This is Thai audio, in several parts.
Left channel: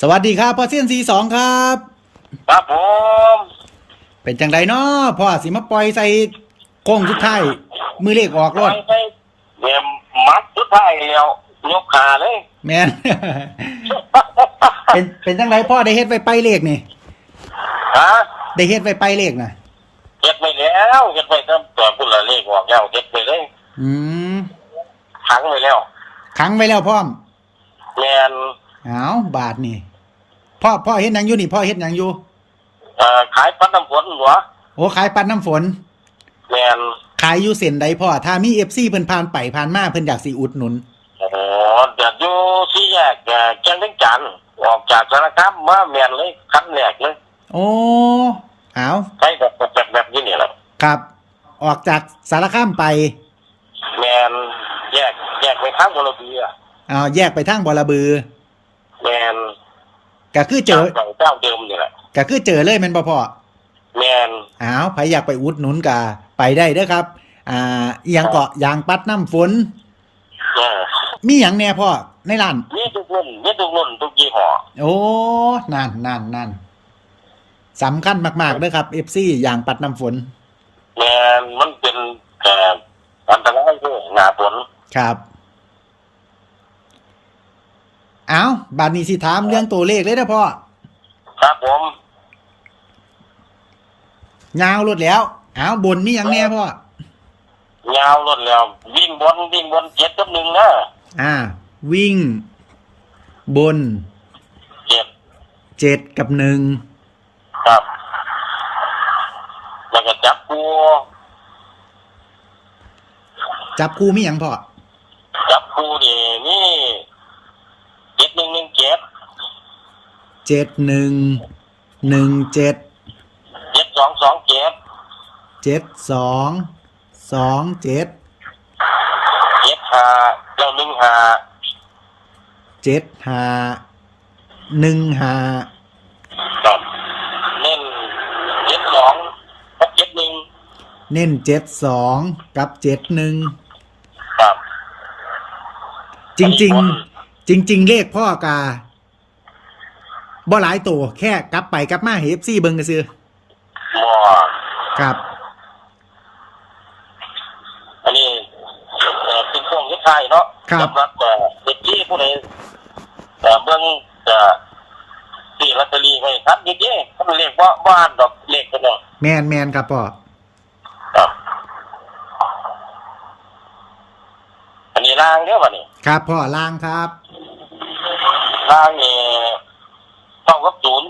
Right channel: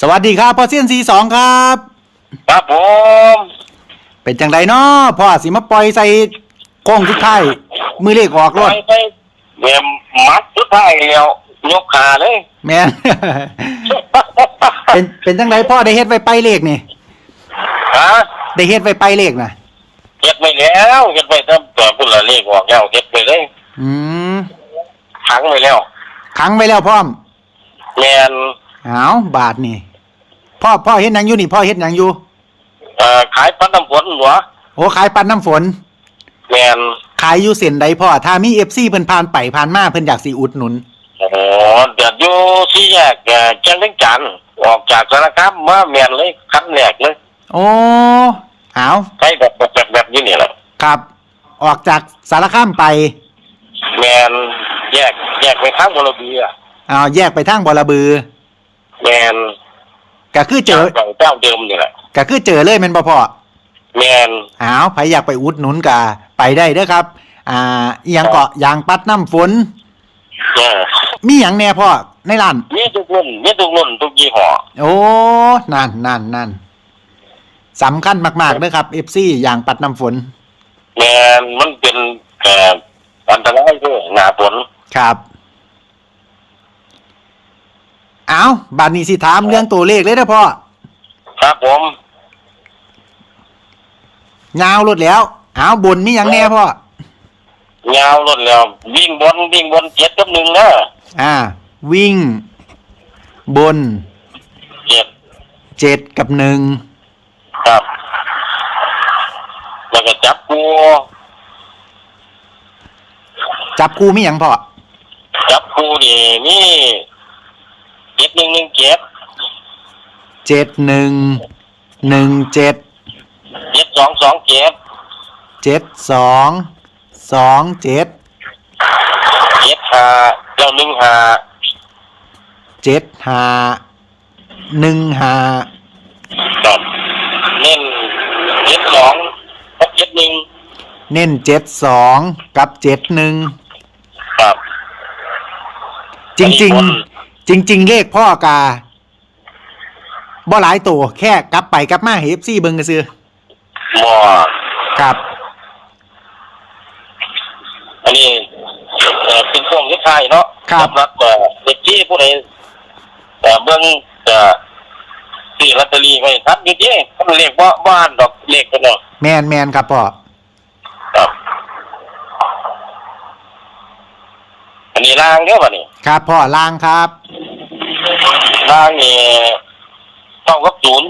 สวัสดีครับพ่อเซียนซีสองครับ ครับผมเป็นจังไดเนาะพ่อสิมาปล่อยใส่โค้งสุดท้ายมือเลขออกรไปถไปเบียมมัดสุดท้ายแล้วยกขาเลยแมน เป็นเป็นจังไดพ่อได้เฮ็ดไว้ไปเลขนี่ฮะได้เฮ็ดไว้ไปเลขนะเก็บไปแล้วเก็บไปตั้งแต่พุ่นละเลขออกแล้วเก็บไปเลยอืมขังไปแล้วขังไว้แล้วพร้อมแมนเอาบาทนี่ พ่อพ่อเฮ็ดหยังอยู่นี่พ่อเฮ็ดหยังอยู่เอ่อขายปันน้ำฝนหัวโอ้ขายปันน้ำฝน แมนขายอยู่เส้นใดพ่อถ้ามี FC เพิ่นผ่านไปผ่านมาเพิ่นอยากสิอุดหนุน โอ้โหเดี๋ยวอยู่ที่แยกเอ่อจังทั้งจันทน์ออกจากสารคามมาแมนเลยคันแรกเลยโอ้เอาใช้แบบแบบแบบนี้นี่แหละครับ ออกจากสารคามไปแมนแยกแยกไปข้างบรบีอะเอาแยกไปทางบอระบือ แมน ก็คือเจอเจ้าเจ้าเดิมนี่แหละก็คือเจอเลยแม่นบ่พ่อแมนอ้าวใครอยากไปอุดหนุนกะไปได้เด้อครับ อ่าอีหยังเกาะยางปัดน้ำฝน เออมีหยังแน่พ่อในร้าน มีทุกรุ่นมีทุกรุ่นทุกยี่ห้อโอ้นั่นนั่นนั่นสำคัญมากๆเด้อครับ FC ยางปัดน้ำฝน แมนมันเป็นเอ่ออันตรายด้วยหนาฝนครับ อ้าวบาดนี้สิถามเรื่องตัวเลขเลยเด้อพ่อครับผมยาวรถแล้วอ้าวบนมีหยังแน่พ่อยาวรถแล้ว วิ่งบนวิ่งบนเจ็ดกับหนึ่งนะอ่า วิ่ง บนเจ็ดเจ็ดกับหนึ่งครับ แล้วก็จับกูจับคู่มีหยังพ่อจับกูนี่นี่เจ็ดหนึ่ งหนึ่งเจ็ดเจ็ดหนึ่งหนึ่งเจ็ดเจ็ดสองสองเจ็ดเจ็ดสองสองเจ็ดเจ็ดห้าแล้วหนึ่งห้าเจ็ดห้าหนึ่งห้าครับเน้นเจ็ดสองกับเจ็ดหนึ่งเน้นเจ็ดสองกับเจ็ดหนึ่งครับ จริง ๆ จริง ๆ เลขพ่อกาบ่หลายตัวแค่กลับไปกลับมาเฮฟซี่เบิงกระซื้อหมอครับ อันนี้เอ่อเป็นช่วงที่ไทายเนาะครับสำหรับ เอ่อเด็กที่ผู้ใดเอ่อเบิ่งเอ่อซื้อลอตเตอรี่ไว้ทัดอยู่เด้มันเลขว่าบ้านดอกเลขกันเนาะแมนแมนครับพ่อครับ อันนี้ล่างเด้อบัดนี้ ครับพ่อล่างครับ ล่างนี่เท่ากับศูนย์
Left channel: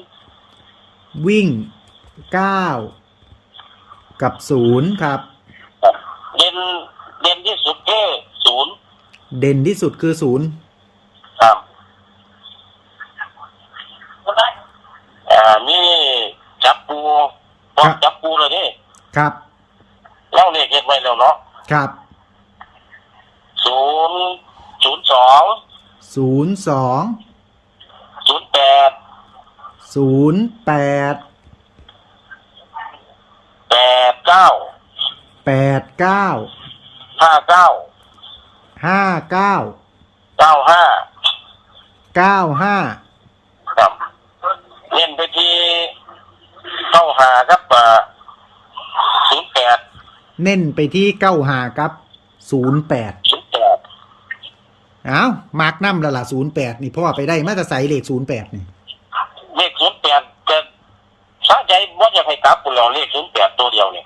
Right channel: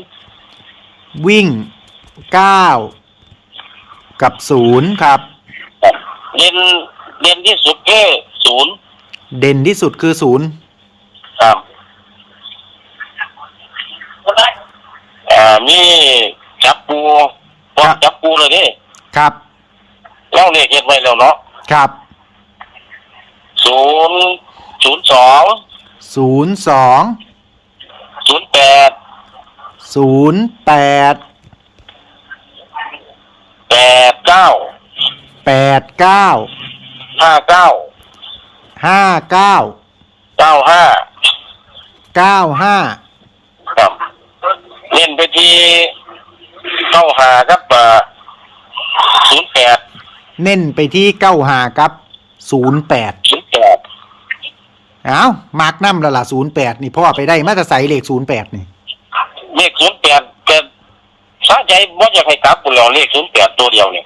วิ่งเก้ากับศูนย์ครับครับเด่นเด่นที่สุดแค่ศูนย์เด่นที่สุดคือศูนย์ครับอ่ามีจับปูจับปูเลยนี่ครับ เล่าเลขเก็บไว้แล้วเนาะครับศูนย์ศูนย์สองศูนย์สองศูนย์แปด ศูนย์แปดแปดเก้าแปดเก้าห้าเก้าห้าเก้าเก้าห้าเก้าห้าครับเล่นไปที่เข้าหาครับศูนย์แปดเน้นไปที่เก้าหาครับศูนย์แปดศูนย์แปดอ้าวมาร์กน้ำและล่ะศูนย์แปดนี่พ่อไปได้มาตรใส่เลขศูนย์แปดนี่ เลขศูนย์แปดแกสะใจว่าอยากให้กลับคุณ แล้วเลขศูนย์แปดตัวเดียวเนี่ย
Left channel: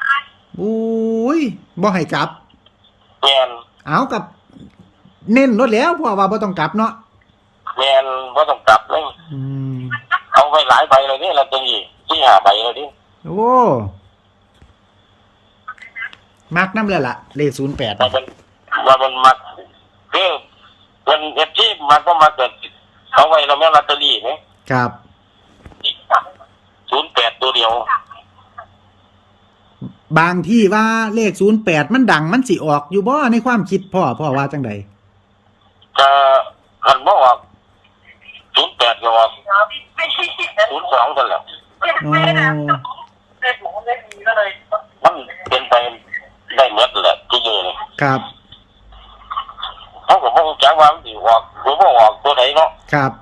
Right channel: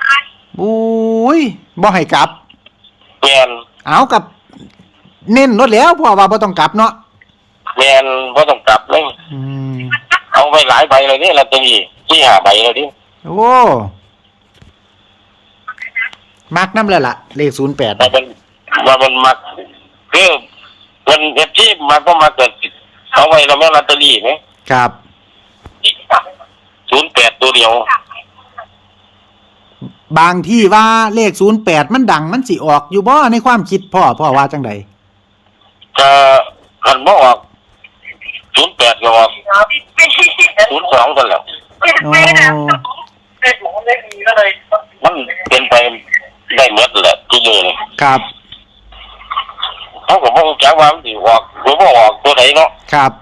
อุ้ยบ่ให้กลับ แมนเอากับ เน้นรถแล้วพ่อว่าบ่ต้องกลับเนาะแมนว่าต้องกลับเลยอืมเอาไปหลายใบเลยนี่ลอตเตอรี่ที่หาใบเลยดิโอ้มาร์กน้ำและล่ะ เลขศูนย์แปดแต่มันมันมันมักคือมันเอฟที่มันก็มาเกิดเอาไว้เราไม่ลอตเตอรี่ไหมครับศูนย์แปดตัวเดียว บางที่ว่าเลขศูนย์แปดมันดังมันสิออกอยู่บ่ในความคิดพ่อพ่อว่าจังใดจะหันมาออกศูนย์แปดก็ออกศูนย์สองกันแล้วโอ้มันเป็นไปได้หมดแหละที่อยู่นี่ครับเขาก็บอกจักว่ามันสิออกหรือว่าออกตัวไหนเนาะครับ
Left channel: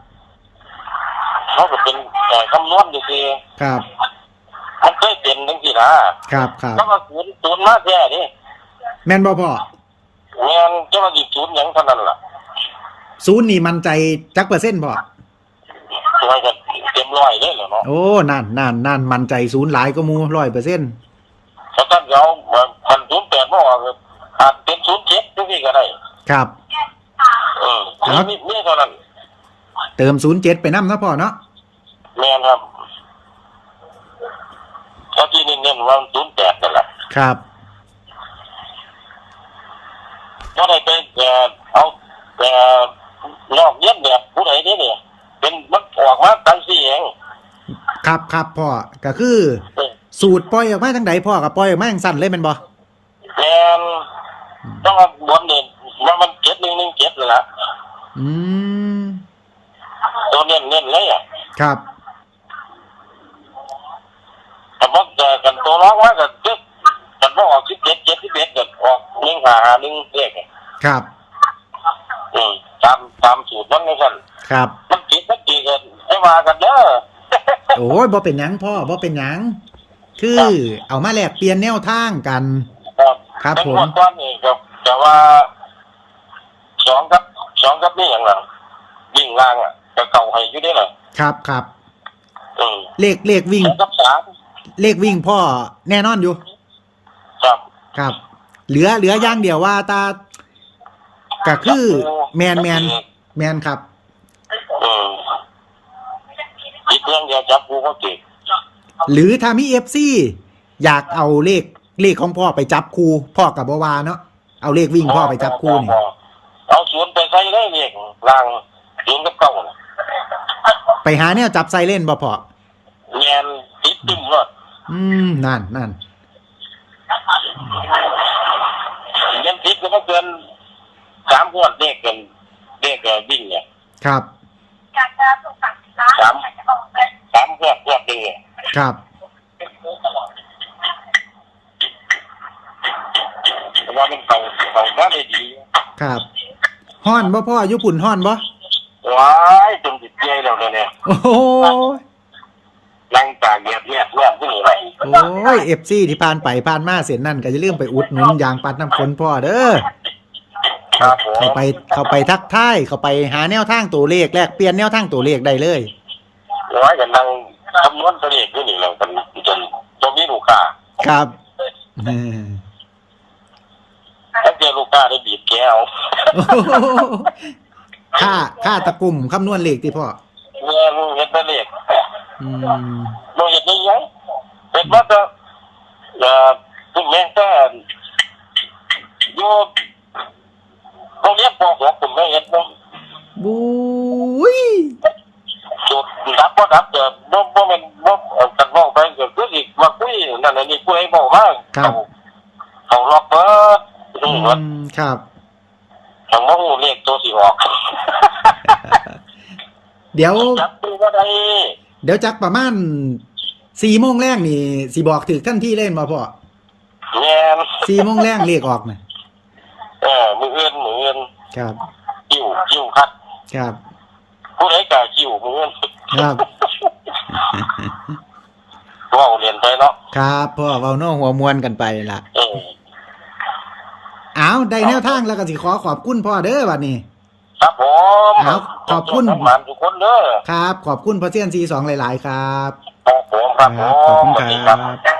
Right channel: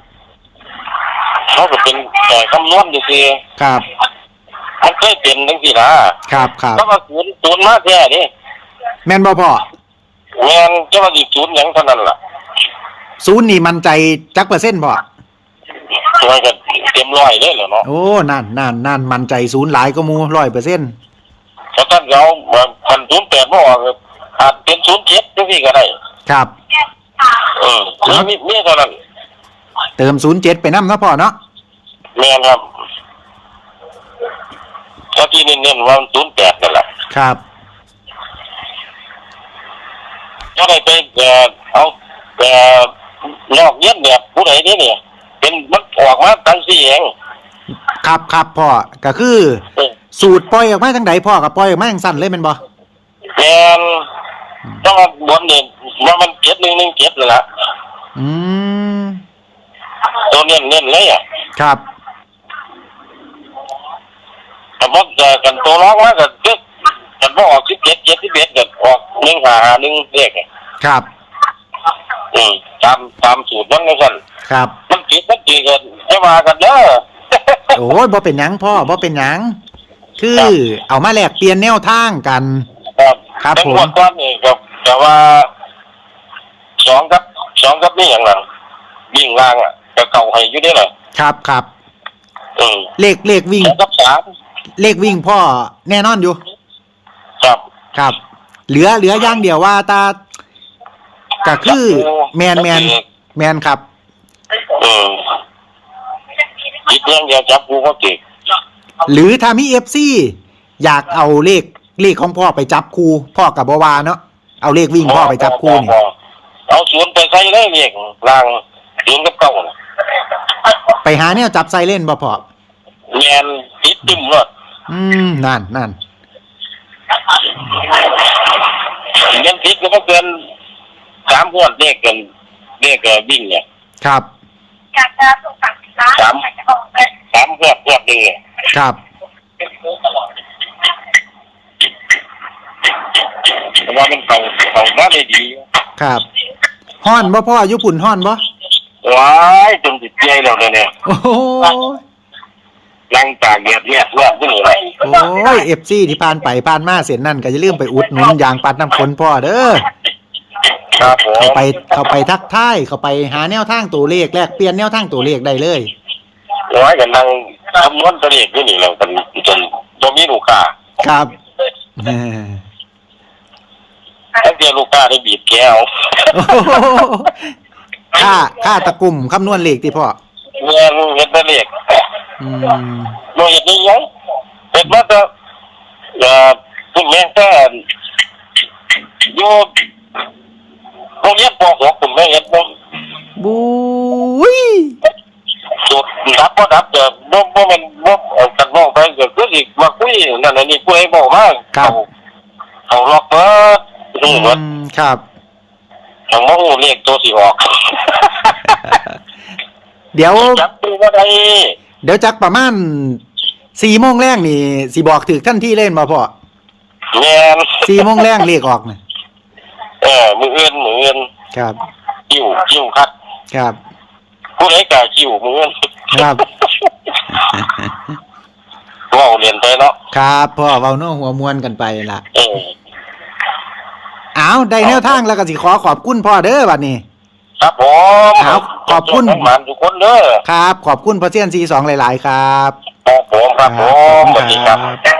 เขาก็เป็นแต่คำนวณดูสิครับมันเคยเป็ นจังซี่นะครับครับถ้ามาศูนย์ศูนย์มาแท้นี่แม่นบ่พ่อแม่นจะมาสิศูนย์หยังเท่านั้นล่ะศูนย์นี่มั่นใจจักเปอร์เซ็นต์พ่อตัวก็เต็มร้อยเลยเหรอเนาะโอ้นั่นนั่นนั่นมั่นใจศูนย์หลายก็มูร้อยเปอร์เซ็นต์เพราะท่านเราพันศูนย์แปดบ่ออกอาจเป็นศูนย์เจ็ดจังซี่ก็ได้ครับ เออครับมีมีเท่านั้น เติมศูนย์เจ็ดไปน้ำเนาะพ่อเนาะแม่นครับก็ที่เน้นๆว่าศูนย์แปดนั่นแหละ ครับ ก็ได้ไปเอ่อเอาเอ่อนอกเย็นเนี่ยผู้ใดนี่เนี่ย เป็นมันออกมาตั้งสี่เองครับครับพ่อก็คือ เออสูตรปล่อยออกมาทางใดพ่อกับปล่อยออกมาทางสั้นเลยแมันบ่แมนต้องมาบนเนี่ยว่ามันเจ็ดหนึ่งหนึ่งเจ็ดเลยละอืมตัวเน้นเน้นๆเลยอะครับแต่ว่าเอ่อกันตัวร้องว่ากันก็มันบ่ ออกสิบเจ็ดเจ็ดสิบเอ็ดก็ออกหนึ่งหาหาหนึ่งเลขอะครับอืมตามตามสูตรนั้นนะกันครับ มันผิดมันจีกันจะมากันเด้อโอ้ยบ่เป็นหยังพ่อบ่เป็นหยัง คือเอามาแลกเปลี่ยนแนวทางกัน ครับครับผม แต่งวดก้อนนี่กับแต่ว่าสองกับสองกับนี่อย่างนั้นวิ่งล่างอะกับเข่าให้อยู่ได้เหรอครับครับ อืมเลขเลขวิ่ง สองกับสามเลขวิ่งพ่อแน่นอนอยู่ ครับครับ เหลือเหลืออย่างเดียวว่าตาก็คือแมนแมนแมนครับอืมคิดเรื่องเดียวจับกูก็เก่งหรือถ้ามีเอฟซีอยากเอาเลขเลขของพ่อไปจับคูพ่อกับบวาเนาะเอาเลขวิ่งพ่อไปจับคูนี่เอาสวนไปใส่เลยเรียกล่างสวนกับเก่าน่ะไปหาเนี่ยจับไซเล่นบ่พ่อแมนติดตึมเลยอืมนั่นนั่น เงินติดก็บ่เกินสามพวดเลขกันเลขกันวิ่งเนี่ยครับ สามสามพวดพวดหนึ่งเนี่ยครับ แต่ว่ามันเขาเขามาได้ดีครับฮ้อนบ่พ่ออยุปุ่นฮ้อนบ่ว้ายจนติดใจแล้วเนี่ยโอ้โหนั่งตากแดดเนี่ยเพื่อนที่นี่ไร โอ้ยเอฟซีที่ผ่านไปผ่านมาเสียนนั่นก็อย่าลืมไปอุดหนุนยางปัดน้ำฝนพ่อเด้อครับผมเข้าไปเข้าไปทักทายเข้าไปหาแนวทางตัวเลขแลกเปลี่ยนแนวทางตัวเลขได้เลยว้ายกันนั่งคำนวณตัวเลขที่นี่แล้วกันจนจนมีลูกค้าครับเออทั้งเดียวลูกค้าได้บีบแก้วโอ้โหค่าค่าตะกลุ่มคำนวณเลขที่พ่อเงินเงินตัวเลขอืมโดยนี้ยัง เป็นมาแต่เอ่อคุณแม่ก็อยู่โรงเรียนป .6 คุณแม่เฮ็ดบ่บุ้ยสุดดับบ่ดับเด้อบ่บ่แม่นบ่เอากันบ่ไปก็คือสิมาคุยนั่นอันนี้คุยบ่มาครับเอาล็อกเบิดอืฮู้เบิดมครับเอามาฮู้เลขตัวสิออก เดี๋ยว จับตัวบ่ได้เดี๋ยวจักประมาณ สี่โมงแรกนี่สิบอกถึกท่านที่เล่นมาพ่อแม่นสี่โมงแรกเลขออกนะเออมื้ออื่นมื้ออื่นครับคิวคิวคัดครับ ผู้ใดกล้าคิวมื้ออื่นครับ เว้าเรียนไปเนาะครับพ่อเว้าโน้หัวมวนกันไปล่ะเออเอาได้แนวทางแล้วก็สิขอขอบคุณพ่อเด้อบัดนี้ ครับผมเอาขอบคุณหมานทุกคนเด้อครับ ขอบคุณพ่อเซียนซีสองหลาย ๆ ครับ ครับผม ครับขอบคุณครับ